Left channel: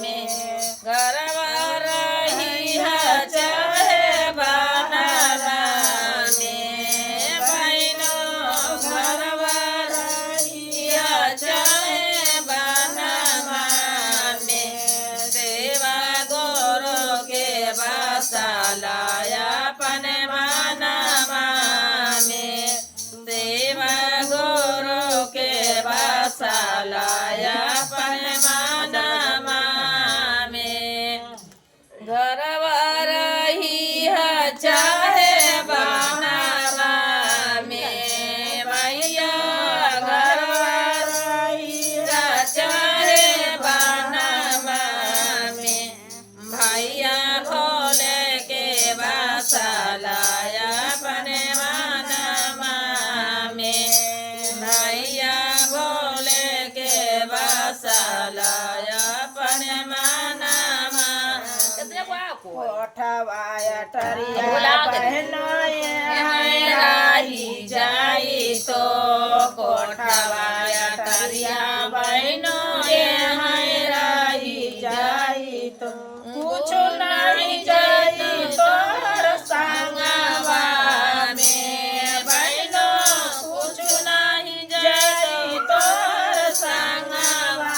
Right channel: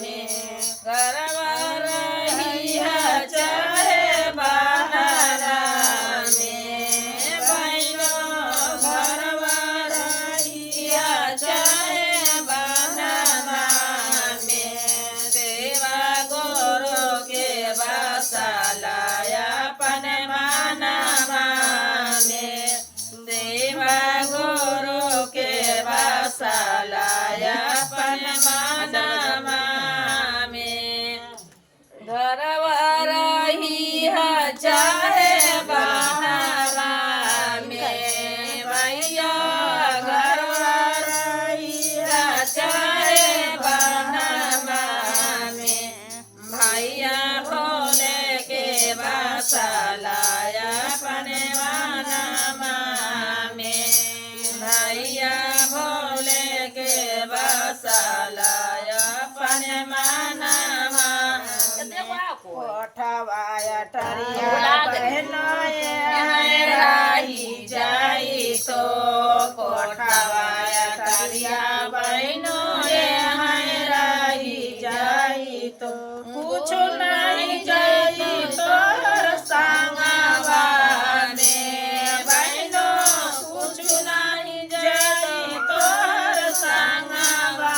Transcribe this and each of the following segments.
में घरवा रहिया चाहे बनला में बहिनो घरवा रहिया चाहे बनला में देवा गुरु के बसलाया अपन मनवा में देवा गुरु के बसलाया अपन मनवा में घरवा रहिया चाहे बनला में भैया घरवा रहिया चाहे बनला में भैया भोले के बसलाया अपन मनवा में भैया भोले के बसलाया अपन मनवा कोठवाया टरिया बहनोए राही जाई तो कोठवाया टरिया बहनोए राही जाई तो कुछ नहीं जाई तो संगवा में बहनो कुछ नहीं जाई तो संगवा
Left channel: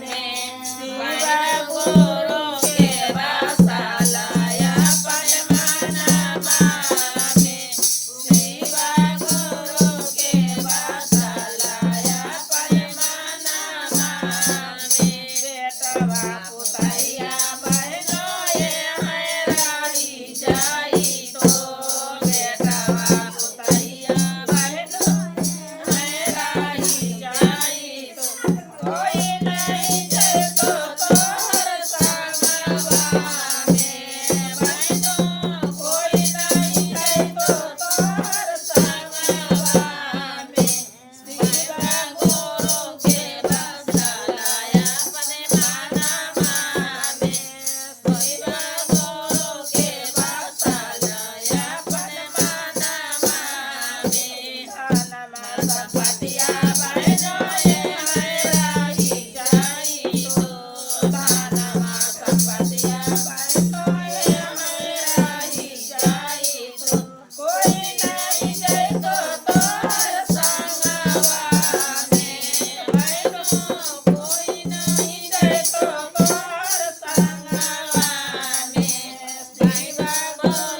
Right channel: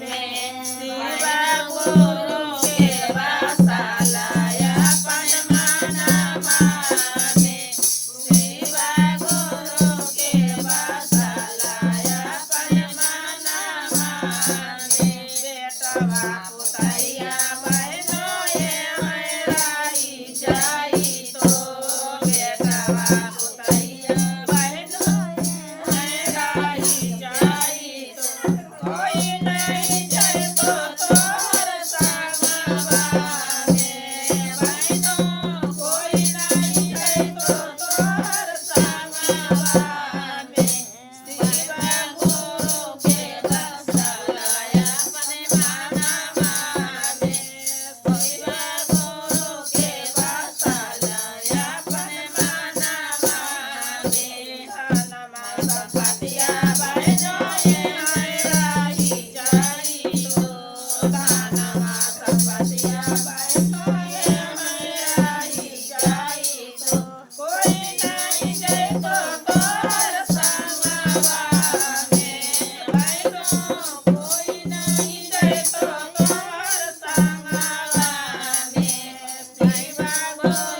में शिवा गुरु के बसलाया अपन मनवा में शिवा गुरु के बसलाया अपन मनवा में बेटवा पुतैया बहनोए राही जाई तो बेटवा पुतैया बहनोए राही जाई तो कोई नहीं जाए तो तोहर संगवा में बहनो कोई नहीं जाए तो तोहर संगवा में शिवा गुरु के बसलाया अपन मनवा में शिवा गुरु के बसलाया अपन मनवा में हनमा सपतिया बहनोए राही जाई तो हनमा सपतिया बहनोए राही जाई तो कोई नहीं जाए तो तोहर संगवा में बहनो कोई नहीं जाए तो तोहर संगवा में शिवा गुरु